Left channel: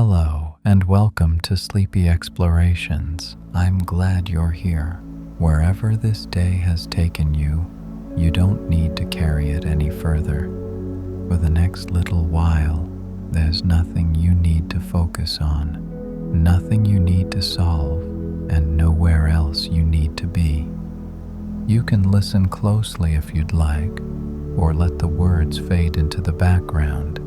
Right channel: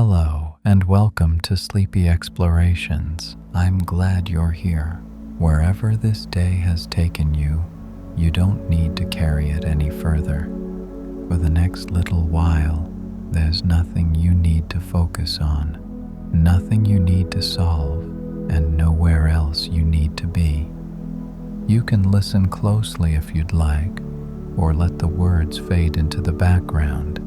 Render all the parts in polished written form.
Hello, and welcome to Sleepy Explorations. I'm glad you're here. Wherever this day has taken you, you don't need to carry it any further. For the next little while, there's nothing you need to focus on, nothing you need to solve, and nowhere else you need to be. You can listen closely if you'd like, or let the words fade into the background.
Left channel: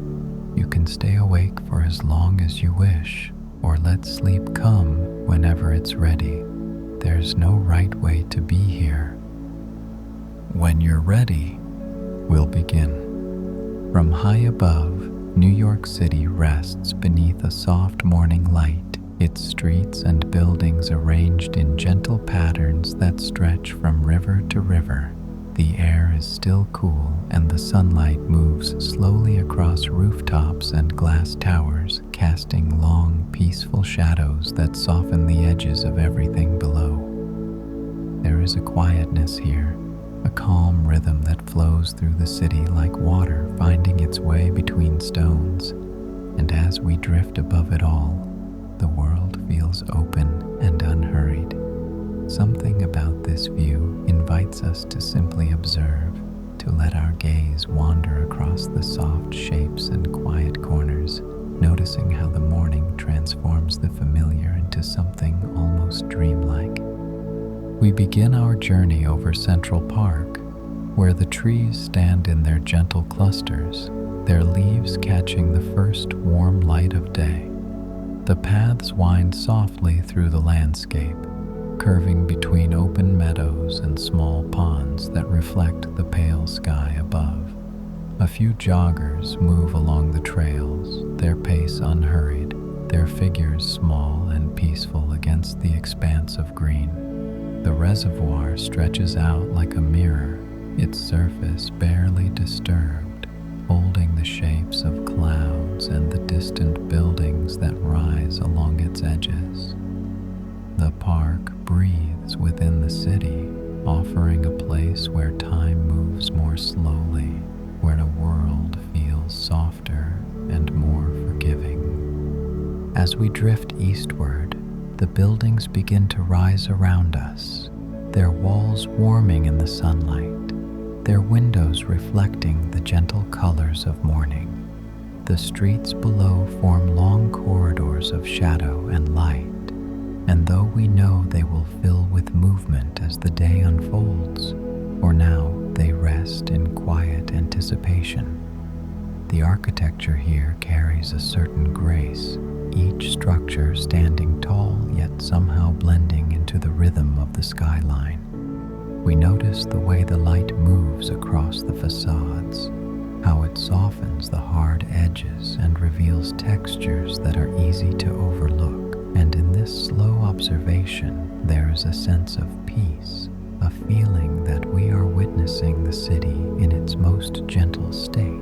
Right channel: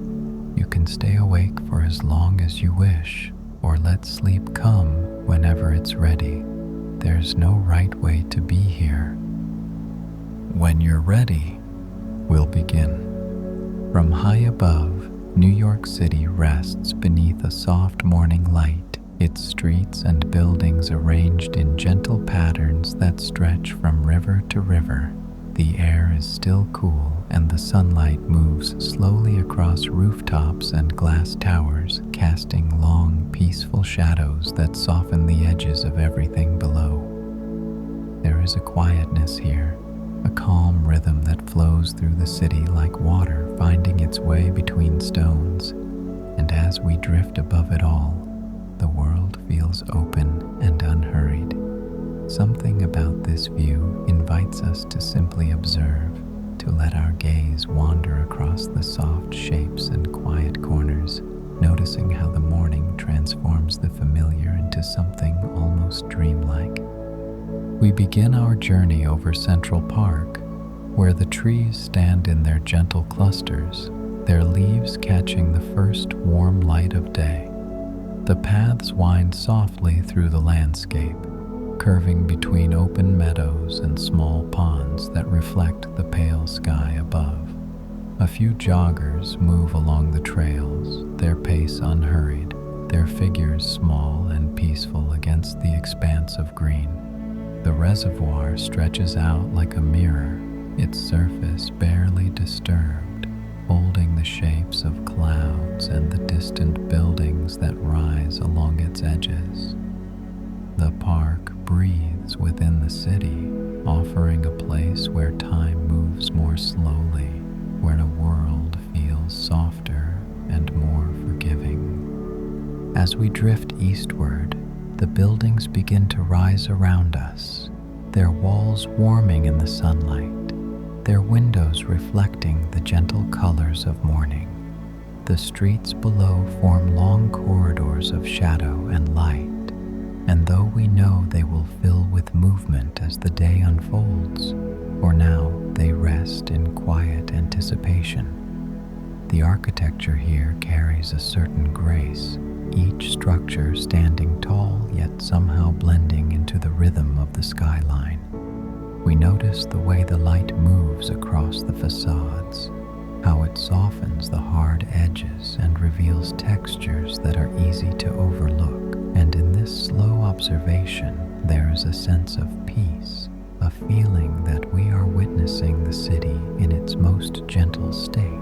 You can stay awake for as long as you wish, or let sleep come whenever it's ready. There's no right way to be here. When you're ready, we'll begin. From high above, New York City rests beneath a soft morning light, its streets and buildings arranged in gentle patterns that stretch from river to river. The air is still cool and the sunlight moves slowly across rooftops and glass towers, casting long, peaceful shadows that soften the edges of everything below. There is a quietness here, a calm rhythm that flows through the city like water finding its way between stones. And as we drift above it all, the world feels open and unhurried. Something about this view invites us to simply observe, to let our gaze wander across the soft shapes and quiet corners, noticing how the morning transforms the familiar into something almost dreamlike. We begin our journey over Central Park, where the trees stand in their gentle clusters, their leaves catching the first warm light of day. The paths wind softly through the landscape, curving between open meadows and small ponds that reflect the pale sky above. A few joggers move along the trails, their pace unhurried, their figures small and peaceful against the expanse of green. The reservoir stretches out like a mirror, its surface barely disturbed, holding the shapes of clouds and the distant buildings that rise along its edges. The park breathes within the city, offering a place where time moves more slowly, where the world feels softer and more forgiving. As we drift eastward, the buildings begin to rise around us, their walls warming in the sunlight, their windows reflecting the gentle colors of morning. The streets below form long corridors of shadow and light, and though we know they will fill with movement as the day unfolds, for now they rest in quiet anticipation. The architecture here carries a certain grace, each structure standing tall yet somehow blending into the rhythm of the skyline. We notice the way the light moves across the facades, how it softens the hard edges and reveals textures that are easy to overlook. And in this slow observation, there is a sense of peace, a feeling that we are witnessing the city in its most gentle state.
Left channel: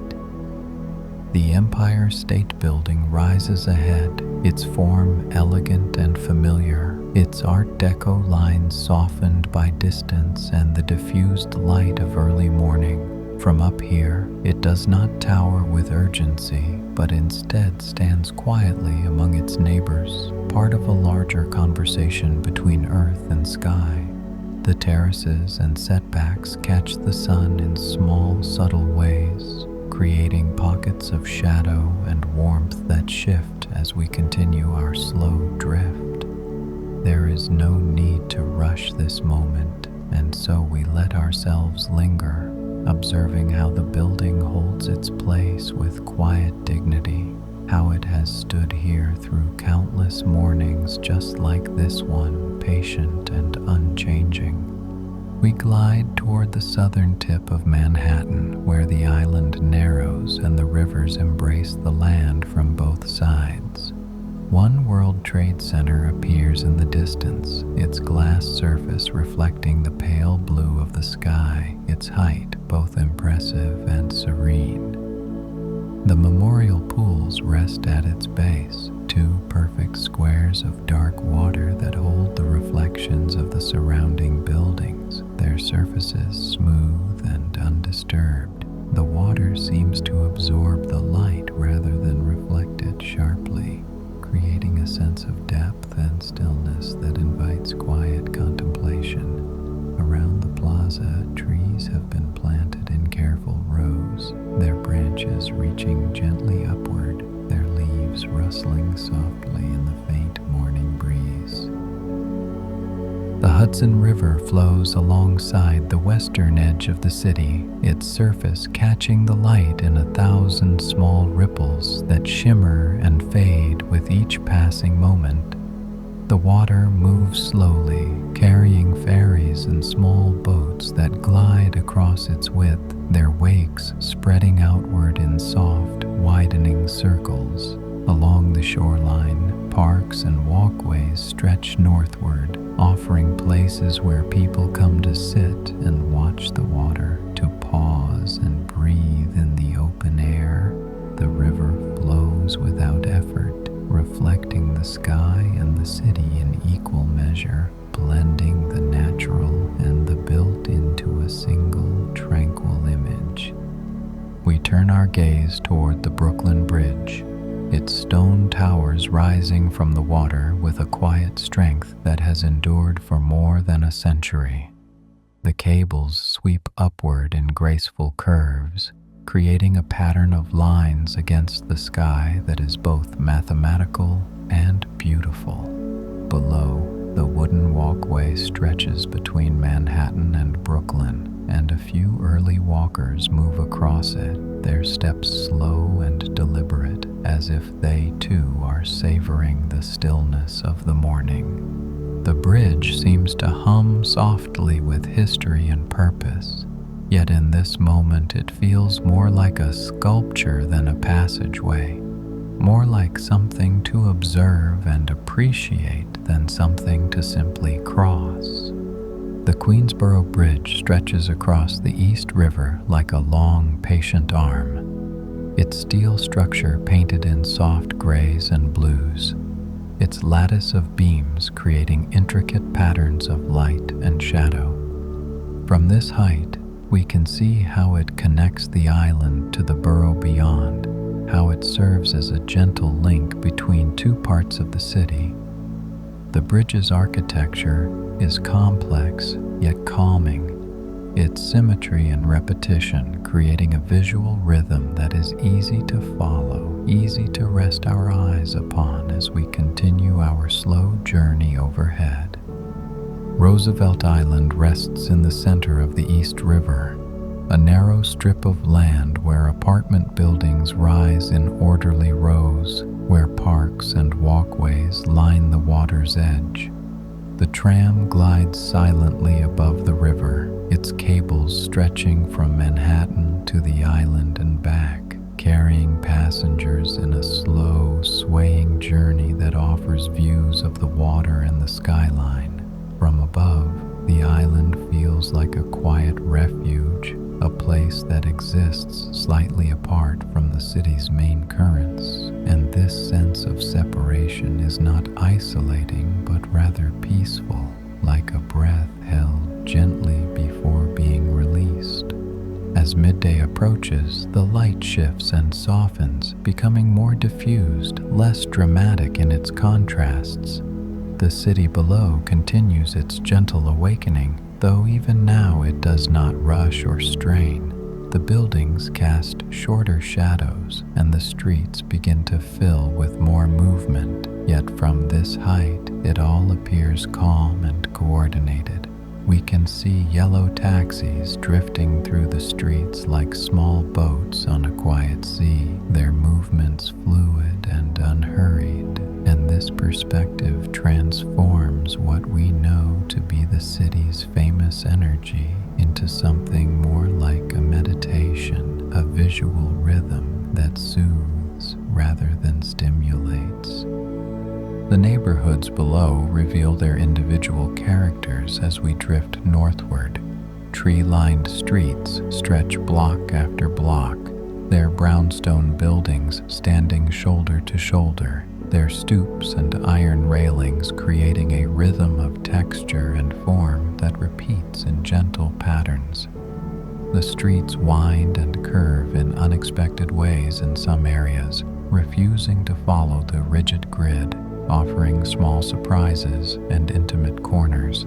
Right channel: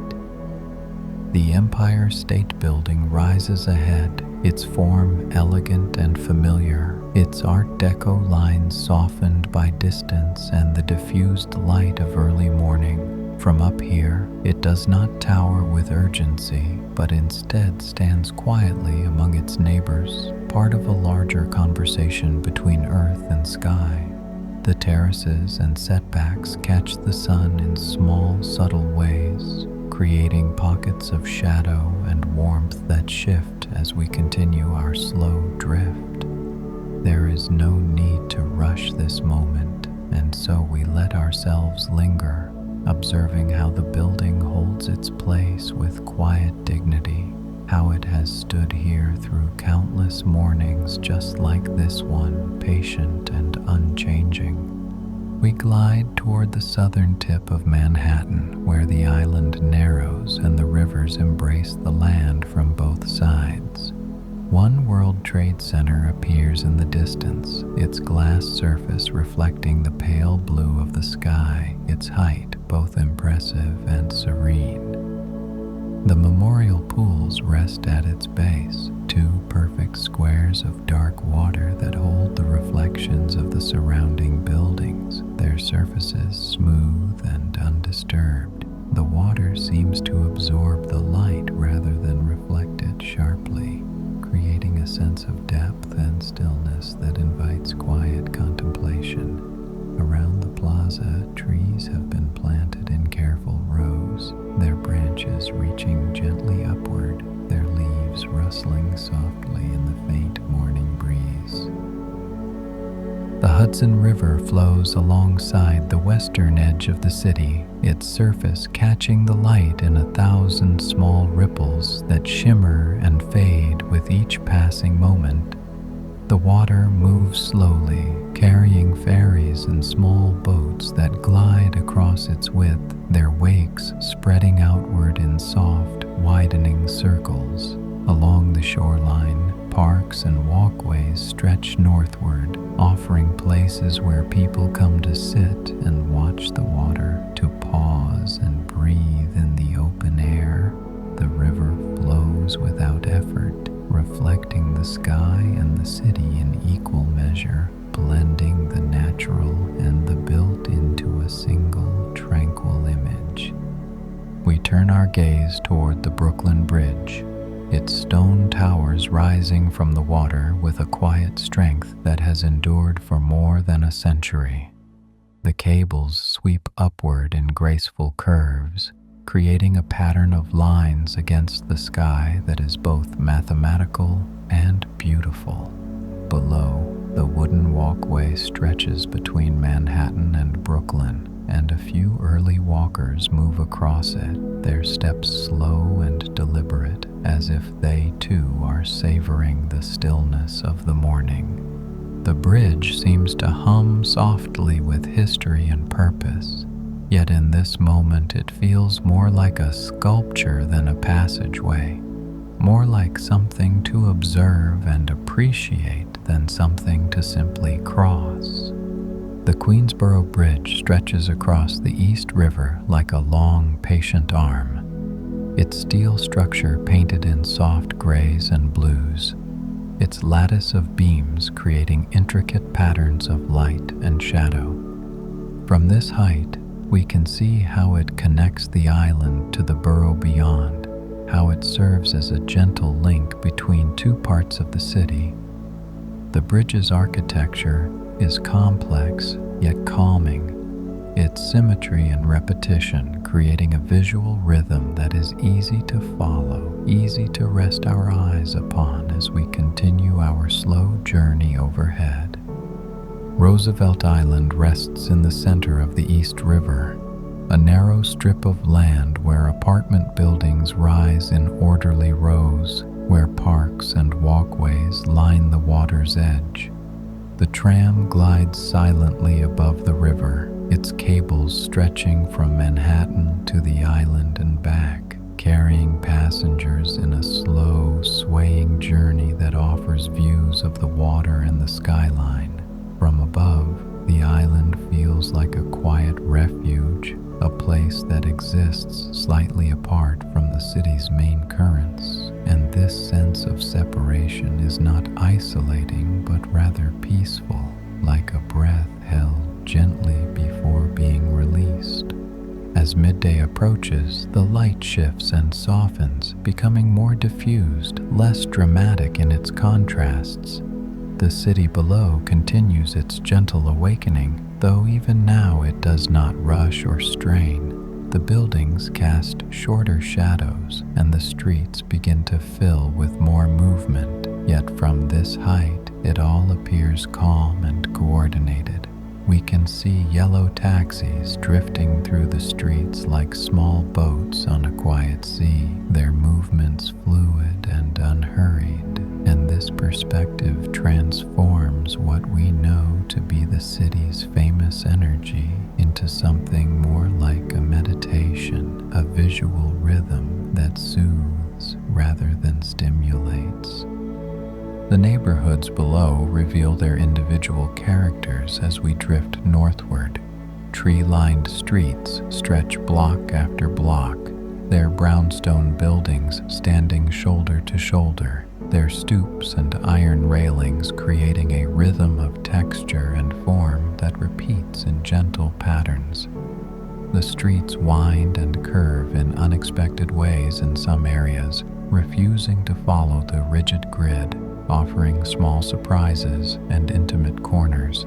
The Empire State Building rises ahead, its form elegant and familiar, its Art Deco lines softened by distance and the diffused light of early morning. From up here, it does not tower with urgency, but instead stands quietly among its neighbors, part of a larger conversation between earth and sky. The terraces and setbacks catch the sun in small, subtle ways, creating pockets of shadow and warmth that shift as we continue our slow drift. There is no need to rush this moment, and so we let ourselves linger, observing how the building holds its place with quiet dignity, how it has stood here through countless mornings just like this one, patient and unchanging. We glide toward the southern tip of Manhattan, where the island narrows and the rivers embrace the land from both sides. One World Trade Center appears in the distance, its glass surface reflecting the pale blue of the sky, its height both impressive and serene. The memorial pools rest at its base, two perfect squares of dark water that hold the reflections of the surrounding buildings, their surfaces smooth and undisturbed. The water seems to absorb the light rather than reflect it sharply, rustling softly in the faint morning breeze. The Hudson River flows alongside the western edge of the city, its surface catching the light in 1,000 small ripples that shimmer and fade with each passing moment. The water moves slowly, carrying ferries and small boats that glide across its width, their wakes spreading outward in soft, widening circles. Along the shoreline, parks and walkways stretch northward, offering places where people come to sit and watch the water, to pause and breathe in the open air. The river flows without effort, reflecting the sky and the city in equal measure, blending the natural and the built into a single tranquil image. We turn our gaze toward the Brooklyn Bridge, its stone towers rising from the water with a quiet strength that has endured for more than a century. The cables sweep upward in graceful curves, creating a pattern of lines against the sky that is both mathematical and beautiful. Below, the wooden walkway stretches between Manhattan and Brooklyn, and a few early walkers move across it, their steps slow and deliberate, as if they too are savoring the stillness of the morning. The bridge seems to hum softly with history and purpose, yet in this moment it feels more like a sculpture than a passageway, more like something to observe and appreciate than something to simply cross. The Queensboro Bridge stretches across the East River like a long, patient arm, its steel structure painted in soft grays and blues, its lattice of beams creating intricate patterns of light and shadow. From this height, we can see how it connects the island to the borough beyond, how it serves as a gentle link between two parts of the city. The bridge's architecture is complex yet calming, its symmetry and repetition creating a visual rhythm that is easy to follow, easy to rest our eyes upon as we continue our slow journey overhead. Roosevelt Island rests in the center of the East River, a narrow strip of land where apartment buildings rise in orderly rows, where parks and walkways line the water's edge. The tram glides silently above the river, its cables stretching from Manhattan to the island and back, carrying passengers in a slow, swaying journey that offers views of the water and the skyline. From above, the island feels like a quiet refuge, a place that exists slightly apart from the city's main currents, and this sense of separation is not isolating but rather peaceful, like a breath held gently before being released. As midday approaches, the light shifts and softens, becoming more diffused, less dramatic in its contrasts. The city below continues its gentle awakening, though even now it does not rush or strain. The buildings cast shorter shadows, and the streets begin to fill with more movement, yet from this height it all appears calm and coordinated. We can see yellow taxis drifting through the streets like small boats on a quiet sea, their movements fluid and unhurried, and this perspective transforms what we know to be the city's famous energy into something more like a meditation, a visual rhythm that soothes rather than stimulates. The neighborhoods below reveal their individual characters as we drift northward. Tree-lined streets stretch block after block, their brownstone buildings standing shoulder to shoulder, their stoops and iron railings creating a rhythm of texture and form that repeats in gentle patterns. The streets wind and curve in unexpected ways in some areas, refusing to follow the rigid grid, offering small surprises and intimate corners.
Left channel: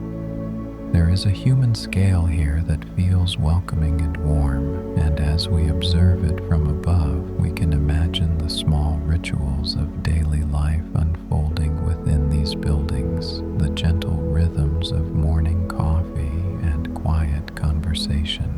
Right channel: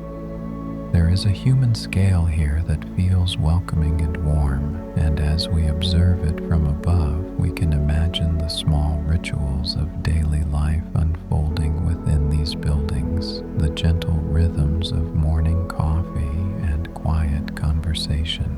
There is a human scale here that feels welcoming and warm, and as we observe it from above, we can imagine the small rituals of daily life unfolding within these buildings, the gentle rhythms of morning coffee and quiet conversation.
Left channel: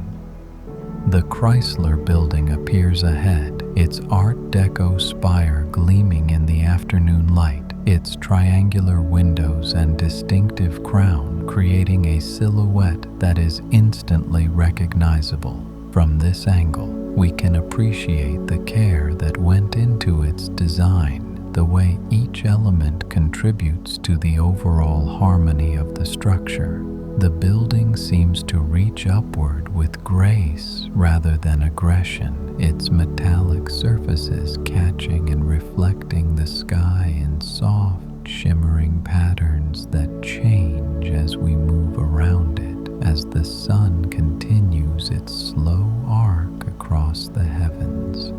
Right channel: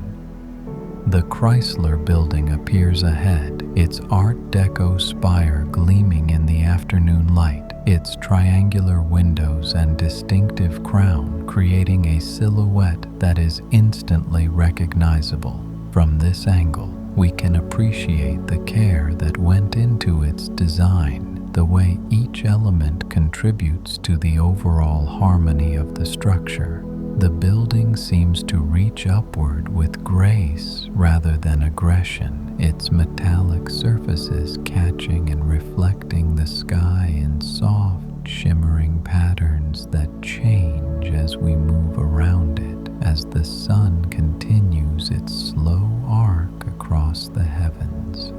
The Chrysler Building appears ahead, its Art Deco spire gleaming in the afternoon light, its triangular windows and distinctive crown creating a silhouette that is instantly recognizable. From this angle, we can appreciate the care that went into its design, the way each element contributes to the overall harmony of the structure. The building seems to reach upward with grace rather than aggression, its metallic surfaces catching and reflecting the sky in soft, shimmering patterns that change as we move around it, as the sun continues its slow arc across the heavens.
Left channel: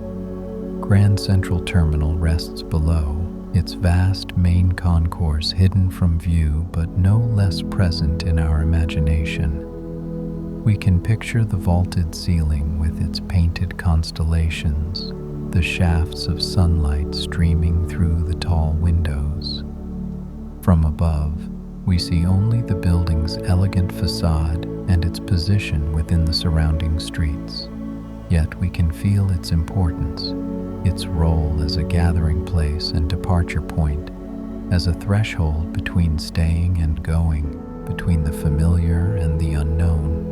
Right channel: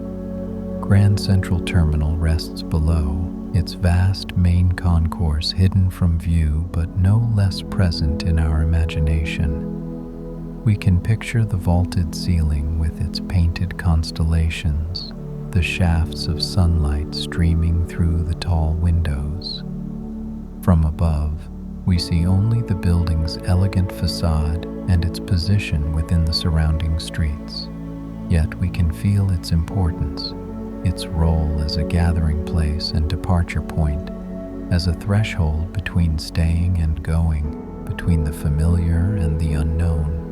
Grand Central Terminal rests below, its vast main concourse hidden from view but no less present in our imagination. We can picture the vaulted ceiling with its painted constellations, the shafts of sunlight streaming through the tall windows. From above, we see only the building's elegant facade and its position within the surrounding streets. Yet we can feel its importance, its role as a gathering place and departure point, as a threshold between staying and going, between the familiar and the unknown.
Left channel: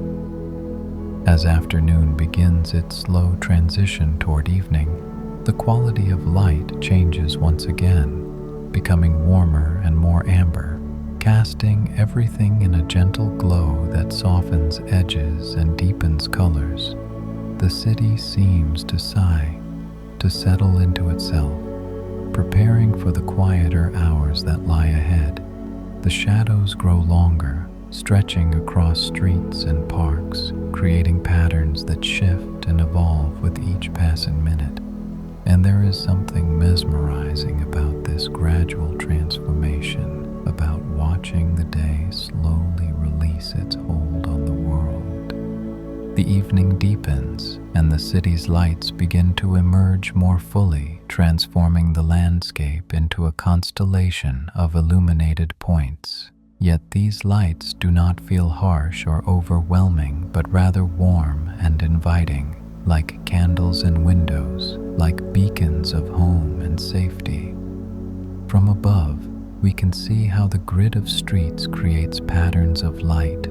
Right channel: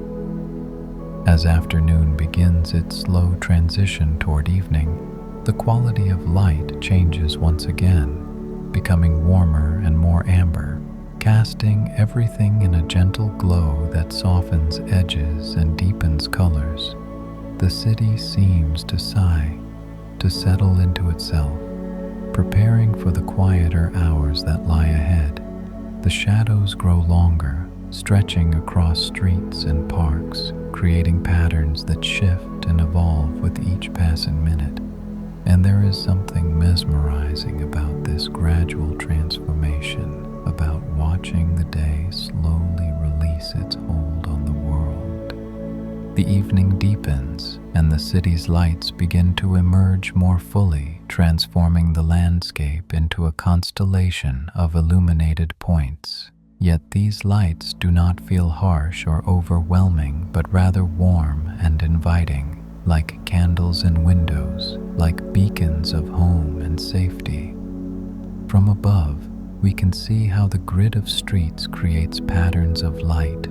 As afternoon begins its slow transition toward evening, the quality of light changes once again, becoming warmer and more amber, casting everything in a gentle glow that softens edges and deepens colors. The city seems to sigh, to settle into itself, preparing for the quieter hours that lie ahead. The shadows grow longer, stretching across streets and parks, creating patterns that shift and evolve with each passing minute. And there is something mesmerizing about this gradual transformation, about watching the day slowly release its hold on the world. The evening deepens, and the city's lights begin to emerge more fully, transforming the landscape into a constellation of illuminated points. Yet these lights do not feel harsh or overwhelming, but rather warm and inviting, like candles in windows, like beacons of home and safety. From above, we can see how the grid of streets creates patterns of light,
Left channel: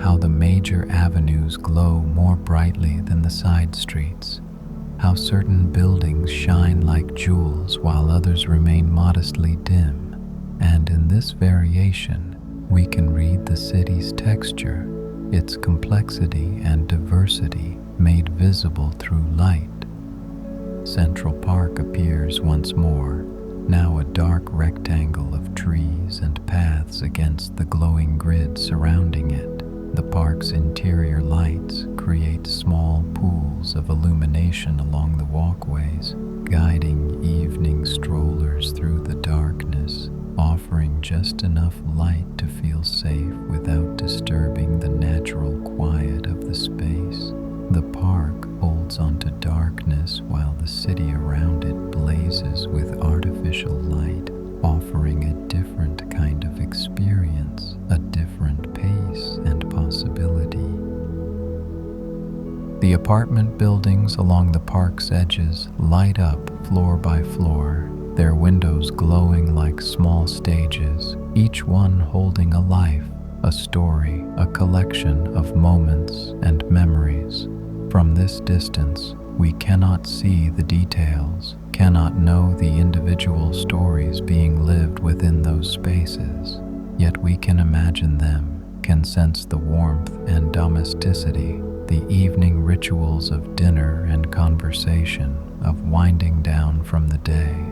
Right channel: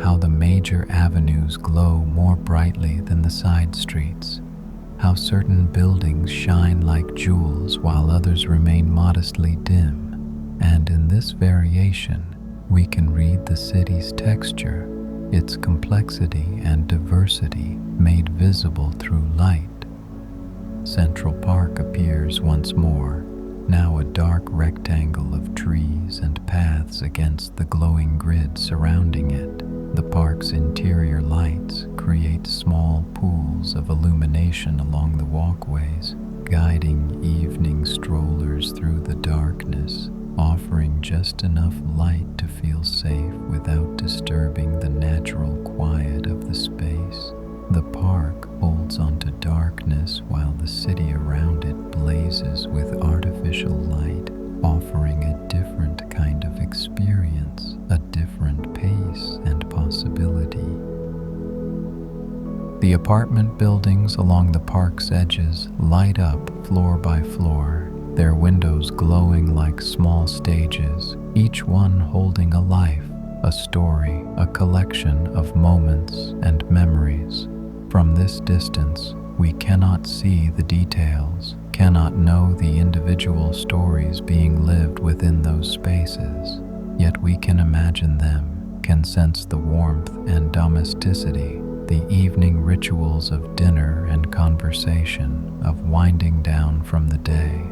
how the major avenues glow more brightly than the side streets, how certain buildings shine like jewels while others remain modestly dim, and in this variation, we can read the city's texture, its complexity and diversity made visible through light. Central Park appears once more, now a dark rectangle of trees and paths against the glowing grid surrounding it. The park's interior lights create small pools of illumination along the walkways, guiding evening strollers through the darkness, offering just enough light to feel safe without disturbing the natural quiet of the space. The park holds onto darkness while the city around it blazes with artificial light, offering a different kind of experience, a different pace and possibility. The apartment buildings along the park's edges light up floor by floor, their windows glowing like small stages, each one holding a life, a story, a collection of moments and memories. From this distance, we cannot see the details, cannot know the individual stories being lived within those spaces, yet we can imagine them, can sense the warmth and domesticity, the evening rituals of dinner and conversation, of winding down from the day.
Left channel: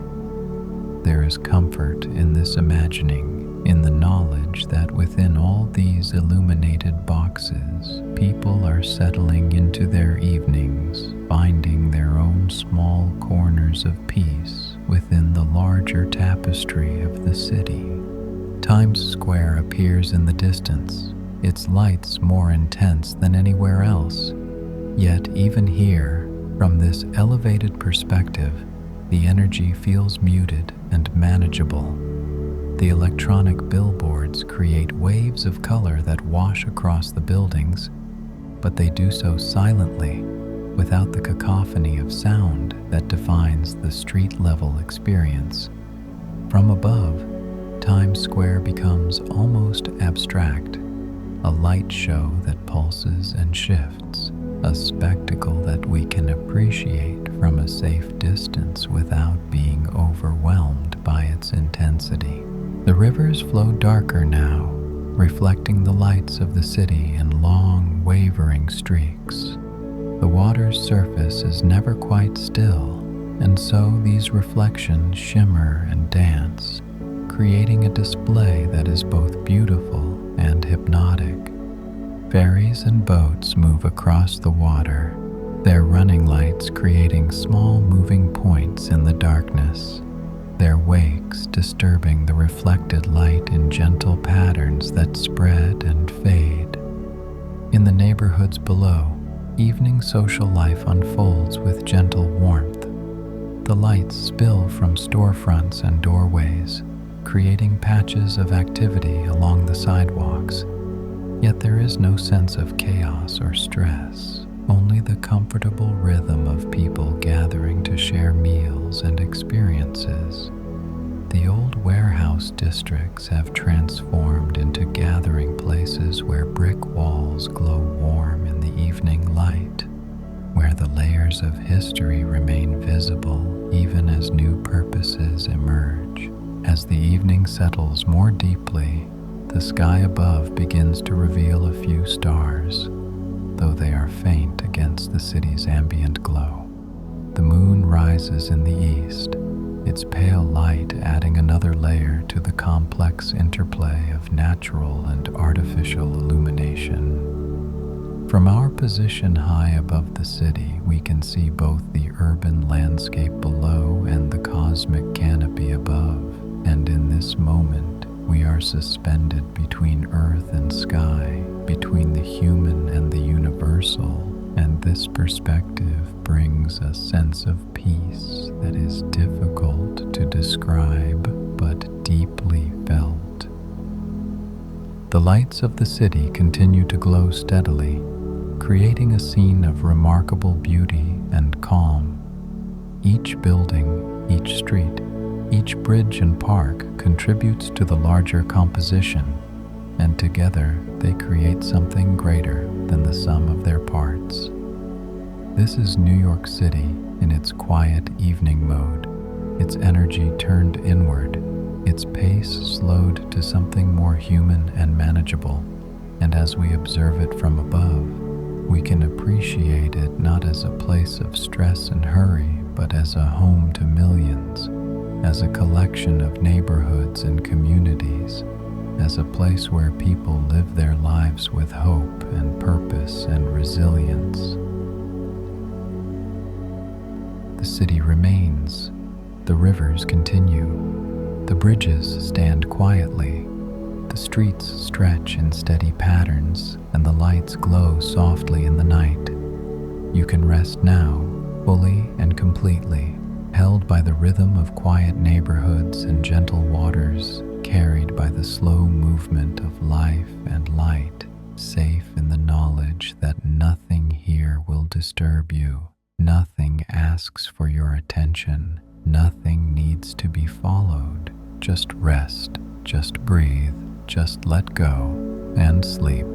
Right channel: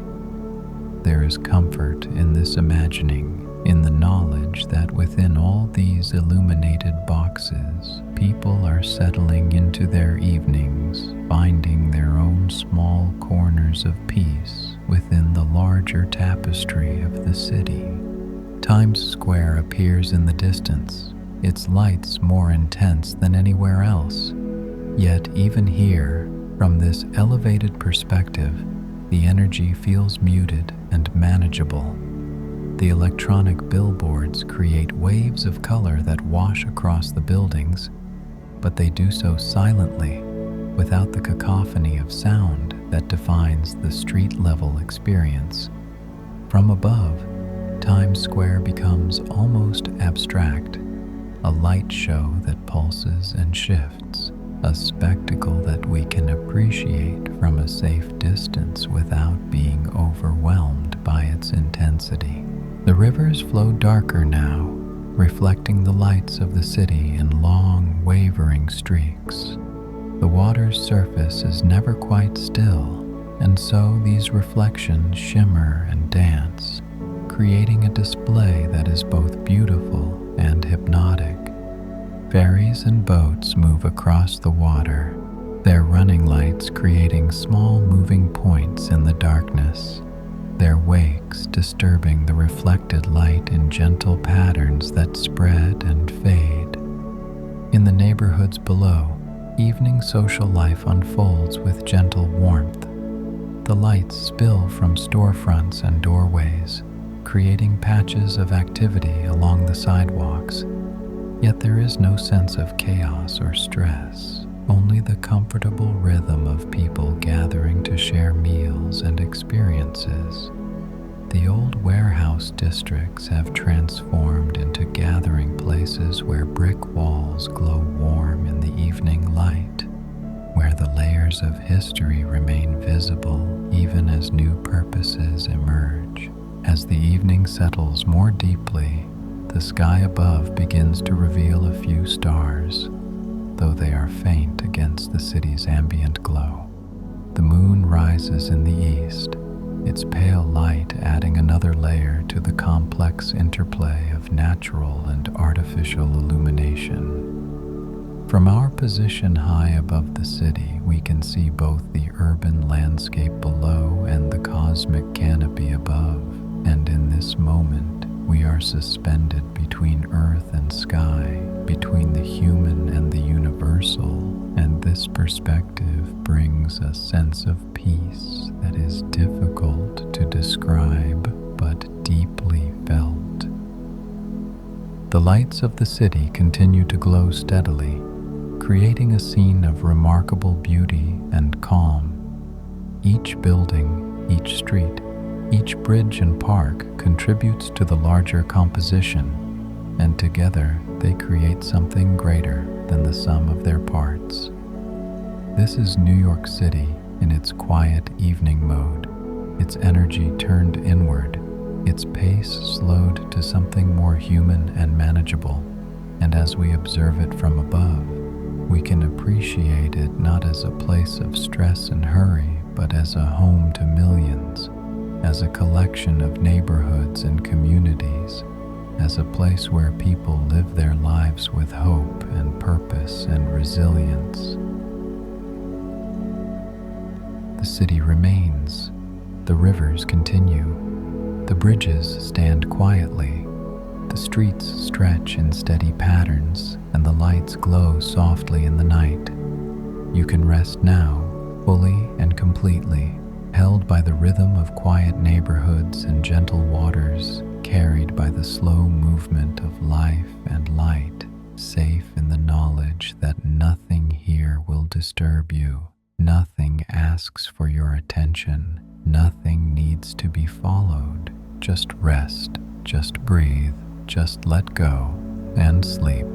There is comfort in this imagining, in the knowledge that within all these illuminated boxes, people are settling into their evenings, finding their own small corners of peace within the larger tapestry of the city. Times Square appears in the distance, its lights more intense than anywhere else. Yet even here, from this elevated perspective, the energy feels muted and manageable. The electronic billboards create waves of color that wash across the buildings, but they do so silently, without the cacophony of sound that defines the street-level experience. From above, Times Square becomes almost abstract, a light show that pulses and shifts, a spectacle that we can appreciate from a safe distance without being overwhelmed by its intensity. The rivers flow darker now, reflecting the lights of the city in long, wavering streaks. The water's surface is never quite still, and so these reflections shimmer and dance, creating a display that is both beautiful and hypnotic. Ferries and boats move across the water, their running lights creating small moving points in the darkness, their wakes disturbing the reflected light in gentle patterns that spread and fade. In the neighborhoods below, evening social life unfolds with gentle warmth. The lights spill from storefronts and doorways, creating patches of activity along the sidewalks. Yet there is no sense of chaos or stress, only the comfortable rhythm of people gathering to share meals and experiences. The old warehouse districts have transformed into gathering places where brick walls glow warm in the evening light, where the layers of history remain visible even as new purposes emerge. As the evening settles more deeply, the sky above begins to reveal a few stars, though they are faint against the city's ambient glow. The moon rises in the east, its pale light adding another layer to the complex interplay of natural and artificial illumination. From our position high above the city, we can see both the urban landscape below and the cosmic canopy above, and in this moment, we are suspended between earth and sky, between the human and the universal, and this perspective brings a sense of peace that is difficult to describe but deeply felt. The lights of the city continue to glow steadily, creating a scene of remarkable beauty and calm. Each building, each street, each bridge and park contributes to the larger composition, and together they create something greater than the sum of their parts. This is New York City in its quiet evening mode, its energy turned inward, its pace slowed to something more human and manageable, and as we observe it from above, we can appreciate it not as a place of stress and hurry, but as a home to millions, as a collection of neighborhoods and communities, as a place where people live their lives with hope and purpose and resilience. The city remains, the rivers continue, the bridges stand quietly, the streets stretch in steady patterns, and the lights glow softly in the night. You can rest now, fully and completely, held by the rhythm of quiet neighborhoods and gentle waters, carried by the slow movement of life and light, safe in the knowledge that nothing here will disturb you, nothing asks for your attention, nothing needs to be followed. Just rest, just breathe, just let go, and sleep.